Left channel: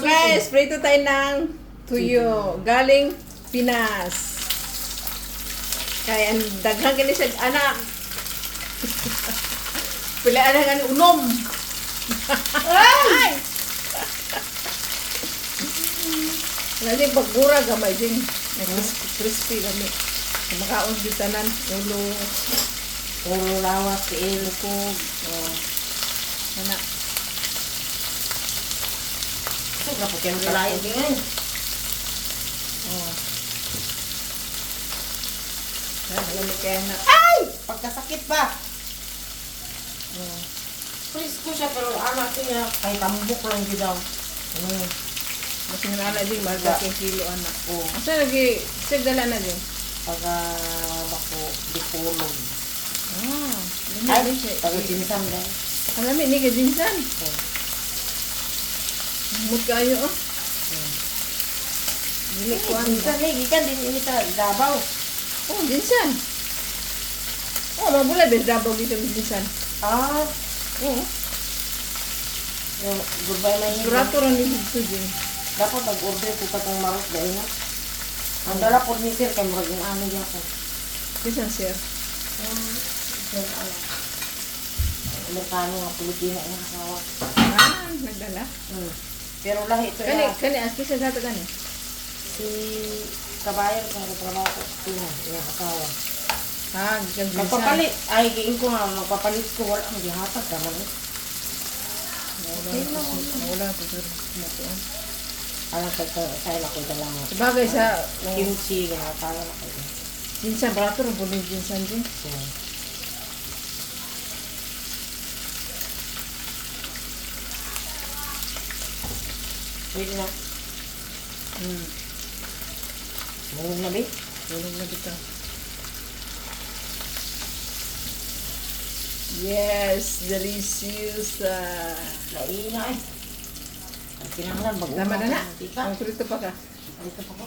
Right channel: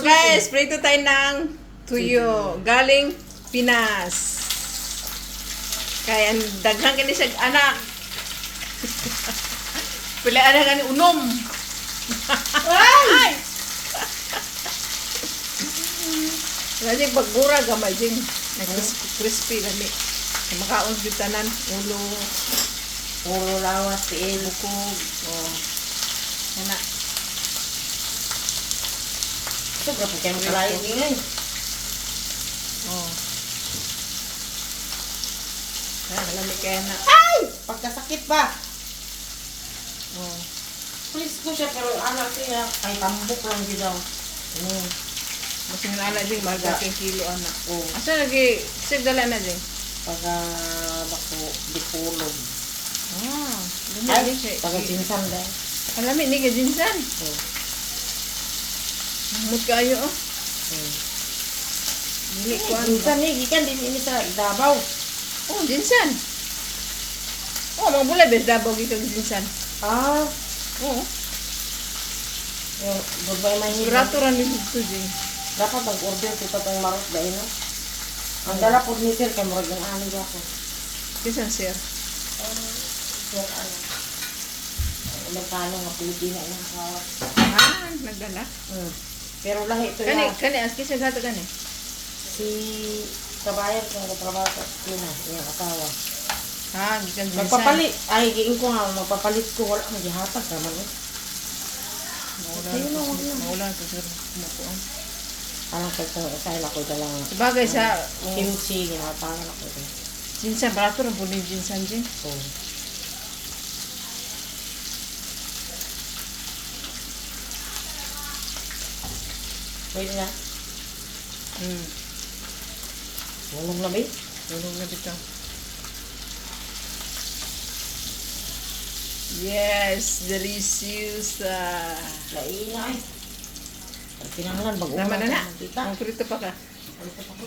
guys, prito tayo ng tuyo. Galing Pinas. Kaya ang daghang kini siya anak. Pila anak ani unom. Ay! Lagi paggura gamay ding. Crispy lami. Makaon gyud tanan ulo. Ulo lawas tiil. Bukog. Oh. Ana. Ito ka po kaya magkalain din. Oh. Lami kaya na. Ay! Pagkasakit ba? Oh. Please ko siya pero ano siya. Ay tambok lang di daw. Mas nga ala ding mahal kang kilo anak. Oo. Asa lagi sig dala na ding. Pagka bako dipulog. Ah, lami Ay, din siya. pagkatinsan lang. Alami ni ka dinsan. Oo. Mut kayo oh. Dili ko ano. Tinsan eh, gikan din ini sa Davao. Oh, dinsan. Oh, mabulay bes dabaw gito dinsan. Ah, Oo. yung goodbye na yun. Sigurato ra ni dito ding. Dapat mag-order ko pa itong marot dahil na. Ang dala po ni Sir kay marag yung ano yapon. Bisan sir. Sir, ano. Amerikano nga Pilipina yung asawa. Ah, nagdala. Pero lahi ito Kani yan. kani aski sa gato kani. Si Kabayan kung trabaho ko Pina, yung asawa. Ha, gikan dinsan. Magpapalit. Ay, giing ko nga, magpapalit ko. Wala mo gihatag naman. Maulan to sir. Kumukuan. Ano pa ito, tayo ako dalang. Sabagay sa Kimchi, nga tawag ako. dinsan barato ra pud ni dinsan din. So, pwede na. Nung na ba? Tulog na bitaw. Yes, delicious. Laina ay. Kinahanglan mag-una. Tama na na. Dito. Ang prito pa ka. Dito pa ko.